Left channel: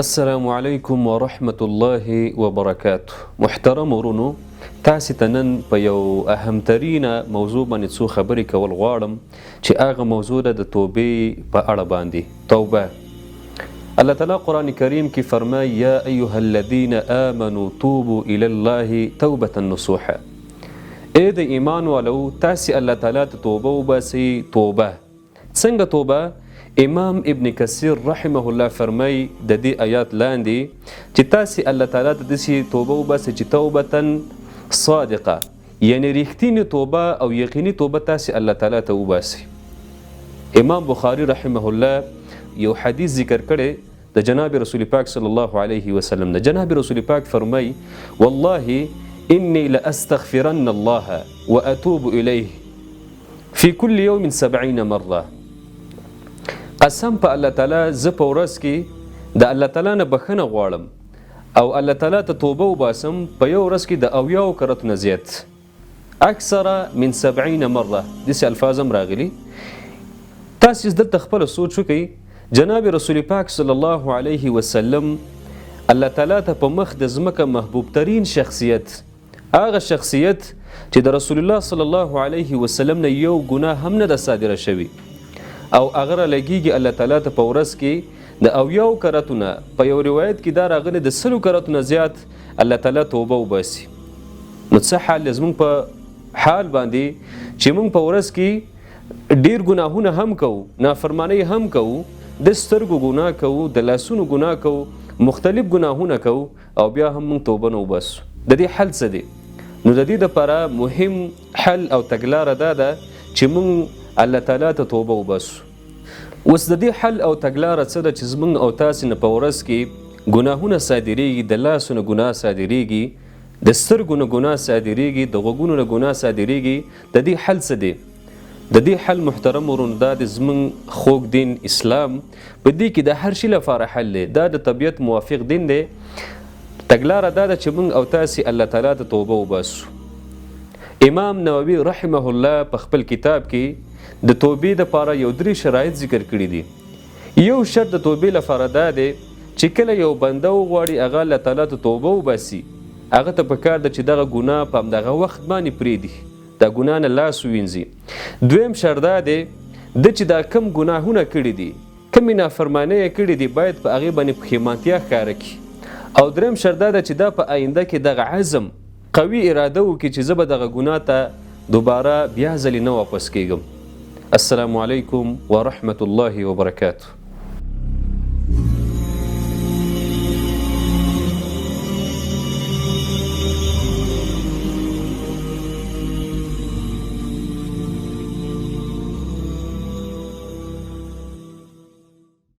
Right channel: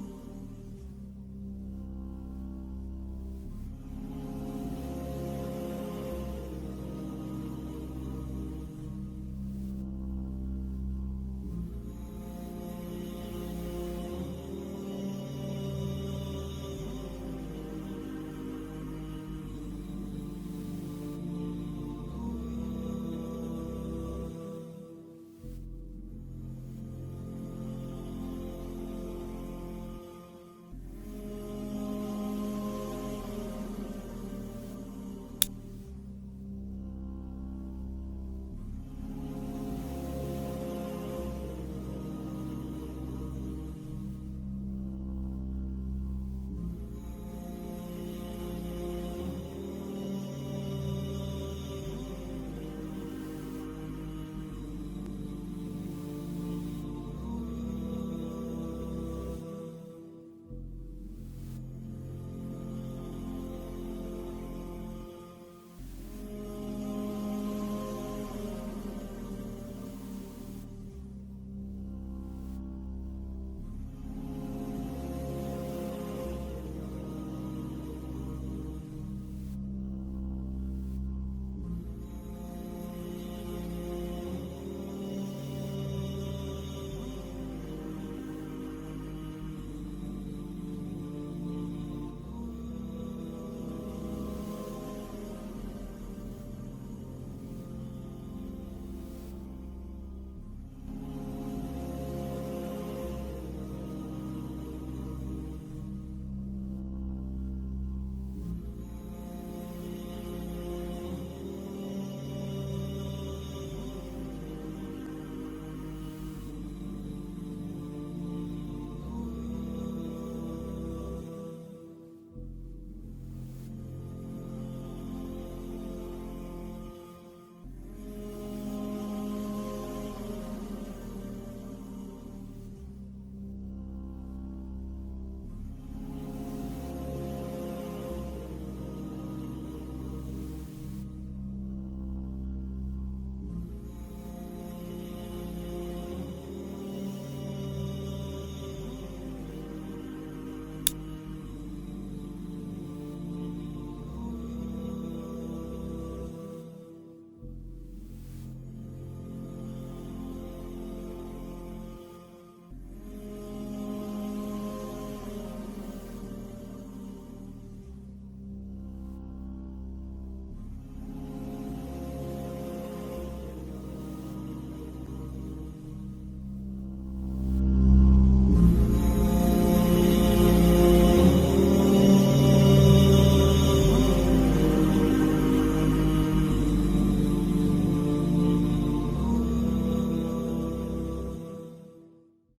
السلام علیکم ورحمة الله وبرکاته. محترم ورونو، تاسې ته نن په یو اهمترینه موضوع باندې څو خبرې کول غواړم چې هغه موضوع ده د توبې په اړه باندې. توبه. الله تعالی قرآن کریم کې فرمایي یا ایها الذین آمنوا توبوا الی الله توبة نصوحا. ای د ایمان والو، تاسې الله تعالی ته توبه وباسئ. توبه څنګه توبه؟ امام ابن کثیر رحمه الله فرمای د دې آیات لاندې چې تاسې الله تعالی ته داسې توبه وباسئ چې توبة صادقه، یعنی ریښتینې توبه او یقیني توبه تاسې الله تعالی ته وباسئ. امام بخاری رحمه الله یو حدیث ذکر کړی د جناب رسول پاک صلی الله علیه وسلم نه. جناب رسول پاک فرمای والله انی لاستغفرن الله واتوب الیه فی کل یوم 70 مره. قسم په الله تعالی زه په ورځ کې د الله تعالی نه بخښنه غواړم او الله تعالی ته توبه وباسم په یو ورځ کې د 70 کرتونه زیات، اکثر من 70 مره. داسې الفاظ هم راغلي. تاسې دلته خپله سوچ وکړئ، جناب رسول پاک صلی الله علیه وسلم الله تعالی ته په مخ د ځمکه محبوب ترین شخصیت، هغه شخصیت چې د رسول الله صلی الله علیه وسلم نه یو ګناه هم نه ده صادره شوي، او هغه را لګیږي الله تعالی ته په ورځ کې د 70 کرتونه، په یو روایت کې دا راغلی د 100 کرتونه زیات الله تعالی توبه وباسي. نو څه حال زموږ په حال باندې چې موږ په ورځ کې ډیر ګناهونه هم کوو، نافرمانی هم کوو، د سترګو ګناه کوو، د لاسونو ګناه کوو، مختلف ګناهونه کوو، او بیا هم موږ توبه نه وباسو. د دې حل څه دی؟ نو د دې لپاره مهم حل او تګلاره دا ده چې موږ الله تعالی ته توبه وباسو. اوس د دې حل او تګلاره څه ده چې زموږ او تاسې نه په ورځ کې ګناهونه صادریږي، د لاسو نه ګناه صادریږي، د سترګو نه ګناه صادریږي، د غوږونو نه ګناه صادریږي. د دې حل څه دی؟ د دې حل محترم ورونو دا د زموږ خوږ دین اسلام په دې کې د هر شي لپاره حل دی. دا د طبیعت موافق دین دی. تګلاره دا ده چې موږ او تاسې الله تعالی ته توبه وباسو. امام نووي رحمه الله په خپل کتاب کې د توبې لپاره یو 3 شرایط ذکر کړي دي. یو شرط د توبې لپاره دا دی چې کله یو بنده وغواړي هغه الله تعالی ته توبه وباسي، هغه ته پکار ده چې دغه ګناه په همدغه وخت باندې پرېږدي، د ګناه نه لاس ووینځي. دویم شرط دا دی چې دا کم ګناهونه کړي دي، کمې نافرمانۍ یې کړي دي، باید په هغې باندې پښیمانتیا ښکاره کړي. او دریم شرط دا ده چې دا په آینده کې دغه عزم قوي اراده وکړي چې زه به دغه ګناه ته دوباره بیا ځلې نه واپس کېږم. السلام علیکم ورحمة الله وبرکاته.